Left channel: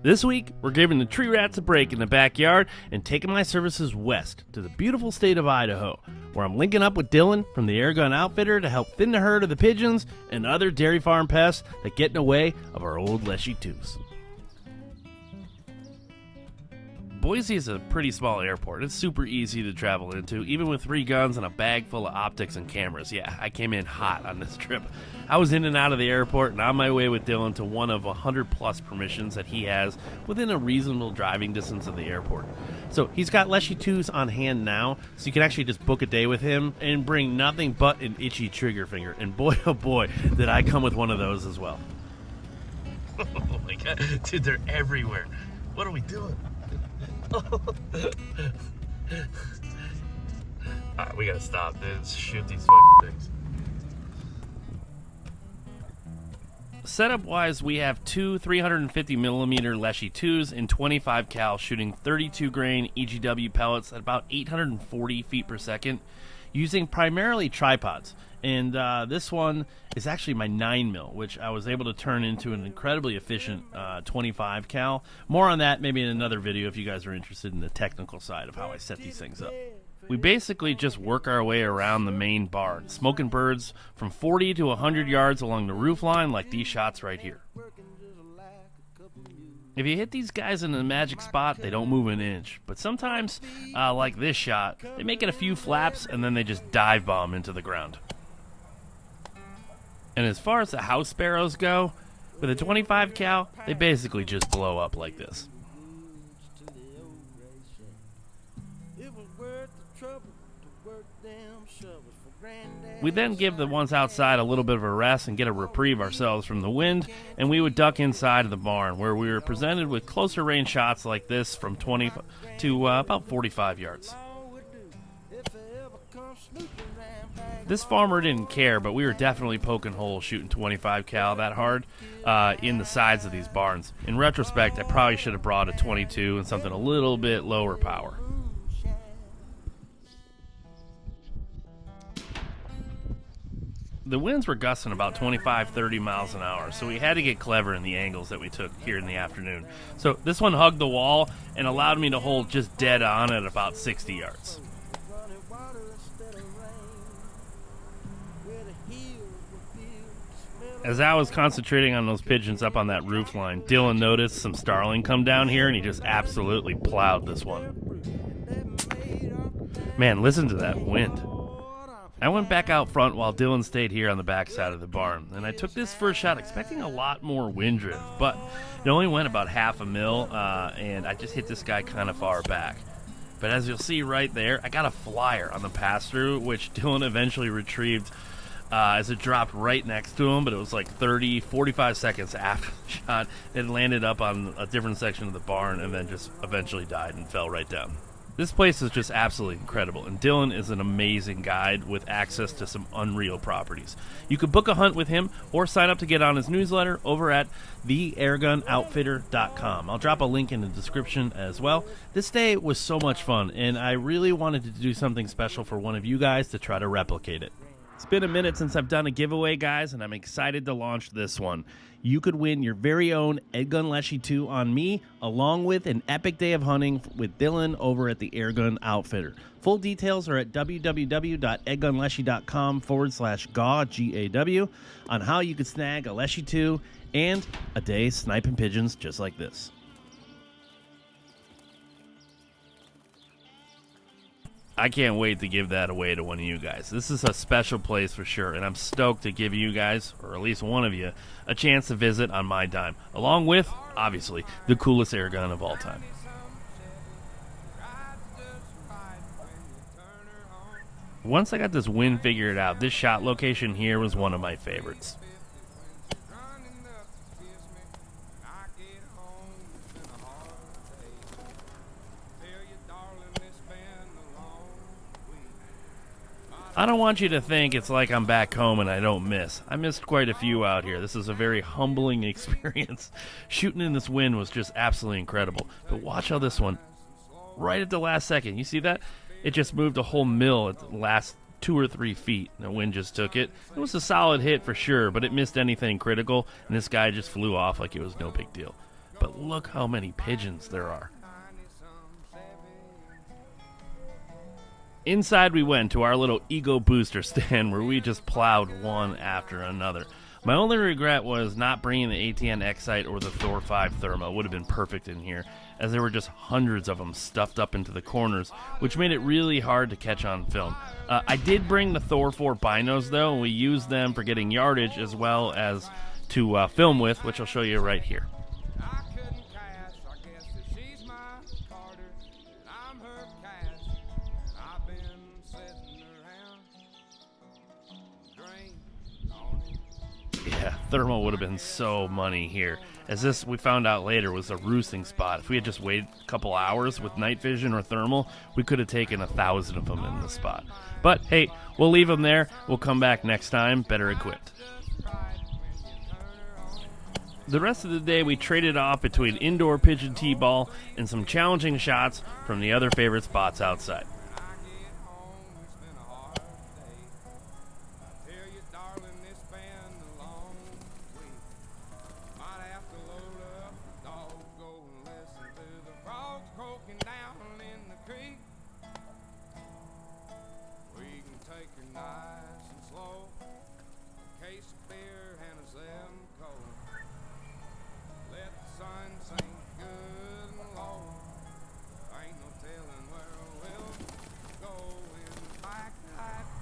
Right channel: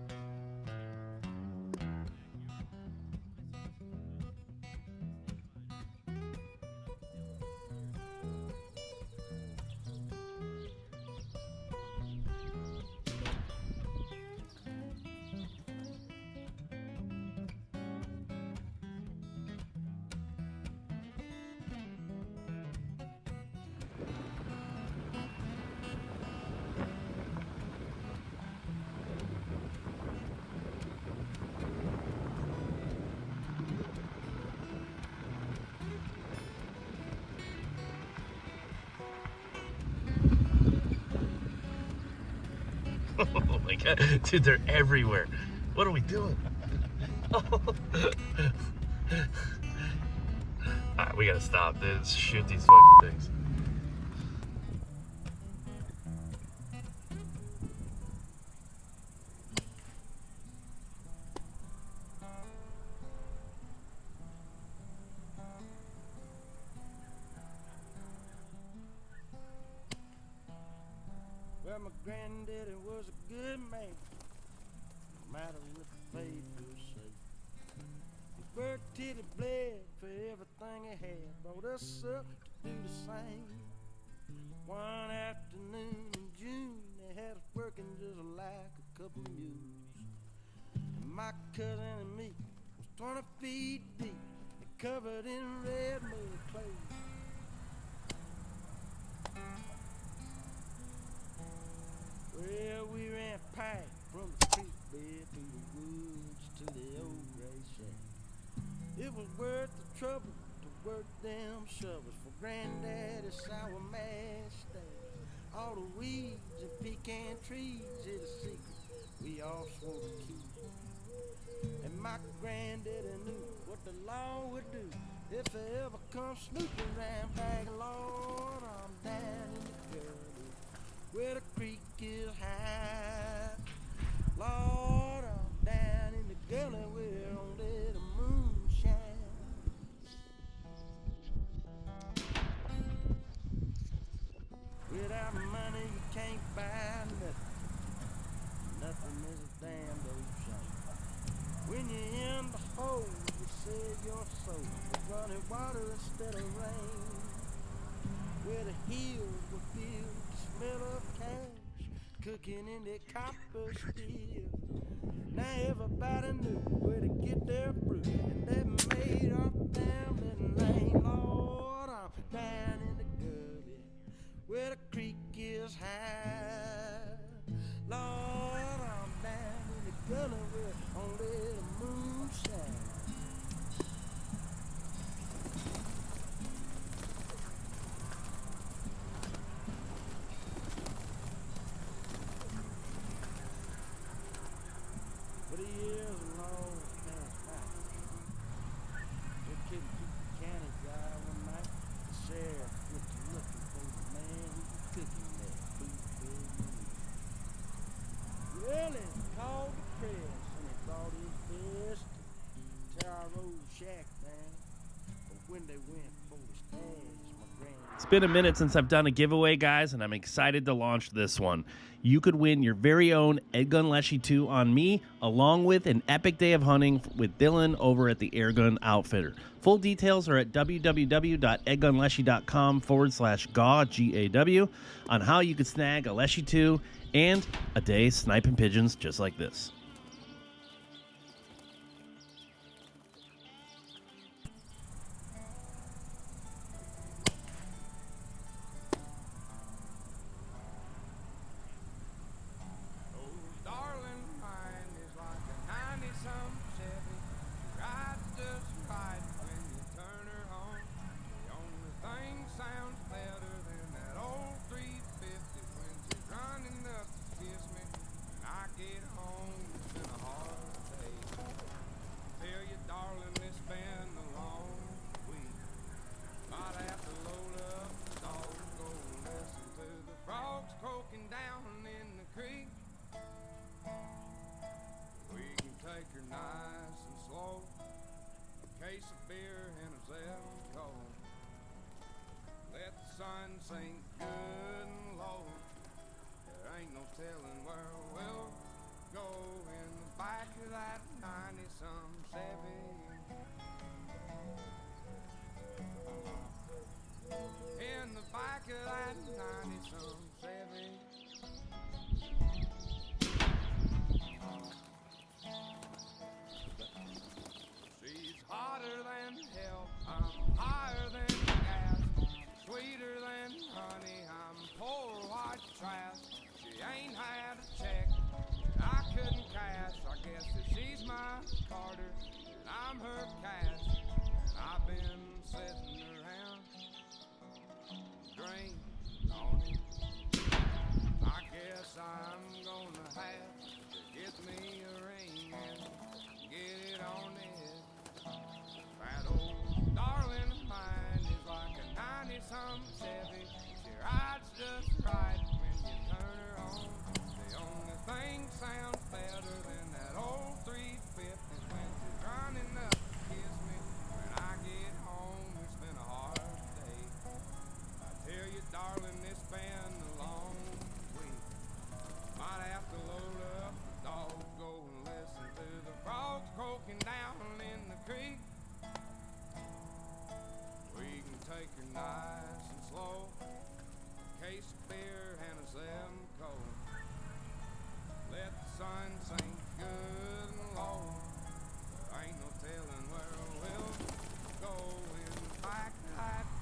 This week, we're giving the tree rats a break in the backyard and taking my services west to the beautiful state of Idaho, where I'm linking up with Dylan from the Airgun Outfitter to help thin the herd of the pigeons and other dairy farm pests that get in the way of our old Leshiy 2s. Boise is a pretty small airport. It's super easy to travel into, even with 3 guns and a bag full of optics and cameras. Yeah, I came in hot on this trip. I was in and out of the airport and on my way with Dylan to one of 100 plus permissions that he has within a reasonable driving distance of the airport. So he's got Leshiy 2s on hand now, so you can actually just book a day with him and bring nothing but an itchy trigger finger. And boy, oh boy, did I come with one of those as well. Oh my god, dude, they're everywhere. What are we doing? Alright, we gotta stop this. Shoot these fucking things. Setup wise, we have 2 350mm Leshiy 2s in 25 cal shooting 32 grain EGW pellets at about 840 feet per second using primarily tripods. And this one is actually my 9mm, which I was able to turn into an incredibly efficient 25 cal. More on that maybe in another video if you guys are interested in the technical side of how I set these things up. We basically just work our way around the main barn, smoking birds from 40 to 100 yards along the roof line like these shots right here. If you hit these guys in the magic spot, they don't move an inch. But sometimes, like this shot, they make it a few flaps and then they just dive bomb into the ground. And as far as the house sparrows go, with a 25 cal, they basically just blow up like this. We then give the ones outside a little bit of a rest and get a reprieve ourselves from the wind, and we would duck inside of the barn where we were presented with closer range shots like this from 20 to about 45 yards. This farmer didn't care, but we were definitely poking holes shooting 25 cal that hard in the sides of these barns. In retrospect, I probably should have brought a 22 and something a little bit lower power. The winds were gusting about 25-30 miles an hour, so we had to get clever in the angles that we took here in the afternoon. So this one hugged the wall and allowed me to hold just dead on at about 60 yards. As I was concentrating on those pigeons up on that roof line, Dylan noticed some starling come down here and he just absolutely plowed this one. Man, listen to that wind. I went back out front while Dylan stayed here on the back side of the barn, and I took this first shot expecting a lot more wind drift, but it only went about half a mil, and I just hit this guy kind of far back. But as you'll see right there, I got a flyer on the pass-through, which Dylan eventually retrieved as it dropped right next to him, but it was like 45 seconds after the shot. It landed up on a different section of the barn and then just eventually died and fell right down. This place is just absolutely incredible, and Dylan is an amazing guide with access to some unreal properties. You could book a hunt with him or sign up to get on his newsletter over at theairgunoutfitter.com. I'll drop a link in the description as well. This day was so much fun, and I really wanted to do something special for one of you guys to try to replicate it. It's been a minute since I've done a giveaway, guys, and I'm excited to launch this one. You could win your very own EDgun Leshiy 2 on me, along with an epic day of hunting with Dylan over at the Airgun Outfitter. Full details are at www.eargunleshiy.com/GAW, G-A-W, on how you could snag a Leshiy 2 and a day sniping pigeons just like this. I can't wait to give that away to one of you guys. This is a special place for sure, and I'm stoked to give you guys, or at least one of you, a chance to visit on my dime, along with, obviously, the coolest airgun of all time. Once I got this wind figured out, this shot location here was one of my favorites. I don't want you to think it's like I'm back home and I don't miss. I missed quite a few out here. This is a very humbling experience. Shooting in this wind was just absolutely incredible. But watch how this one, right at the last second, you see that? It just moved a whole mill at the last 2 or 3 feet. The wind just took it. It was a solid hit for sure, but it missed anything critical, and this guy just flew off like it was no big deal. but look how many pigeons there are. Inside we went to our little ego booster stand where we just plowed one after another. My only regret was not bringing the ATN Excite or the Thor 5 Thermo. It would have been perfect in here, as there were just hundreds of them stuffed up into the corners, which made it really hard to catch on film. I did bring the Thor 4 binos though, and we used them for getting yardage as well as to film with, which I'll show you right here. Thermal would have been so money here, as this, we found out later, was a roosting spot. If we had just waited a couple hours with night vision or thermal, we could have taken 1,000 of them in the spot. But hey, we'll leave them there. We'll come back next time better equipped. The rest of the day we traded off between indoor pigeon t-ball and some challenging shots from the other favorite spots outside.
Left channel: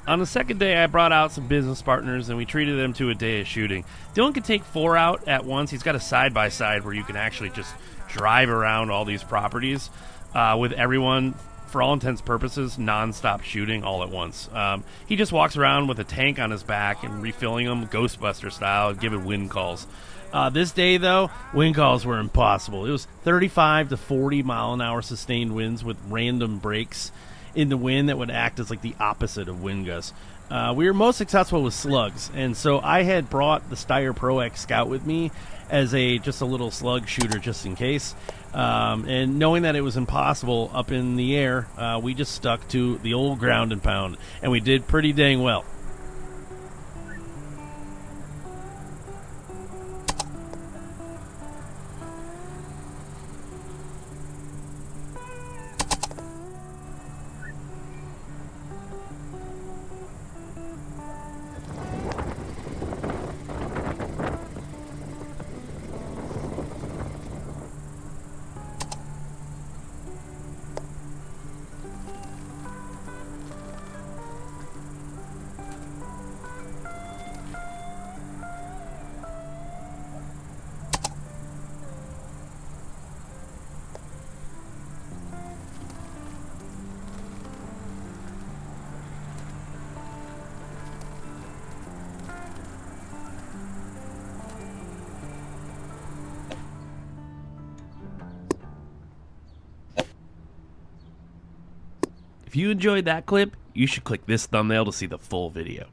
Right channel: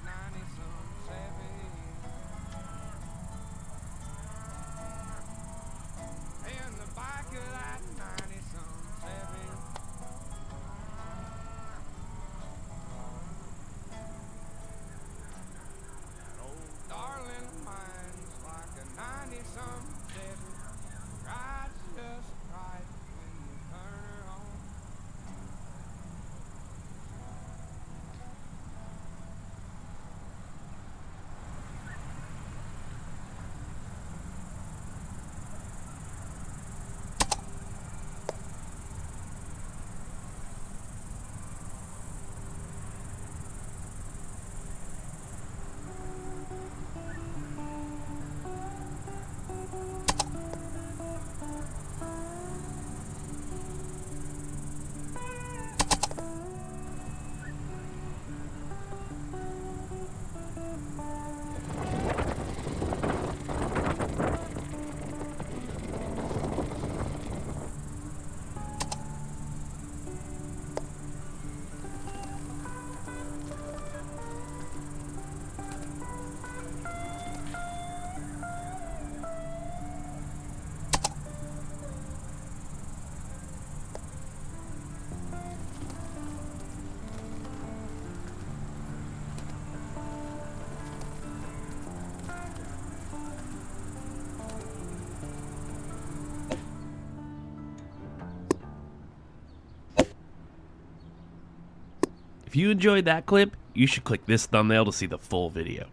On the second day, I brought out some business partners, and we treated them to a day of shooting. Dylan can take 4 out at once. He's got a side-by-side where you can actually just drive around all these properties with everyone, for all intents and purposes, non-stop shooting all at once. He just walks around with a tank on his back and refilling them Ghostbuster style and giving wind calls. This day, though, wind calls were impossible. It was 35 to 40 mile an hour sustained winds with random breaks in the wind that would act as like the opposite of wind gusts. We were most successful with slugs, and so I had brought the Steyr Pro X Scout with me as just a little slug shooter just in case. And knowing that it was impossible up in the air, we just stuck to the old ground and pound, and we did pretty dang well. If you enjoyed that clip, you should click this thumbnail to see the full video.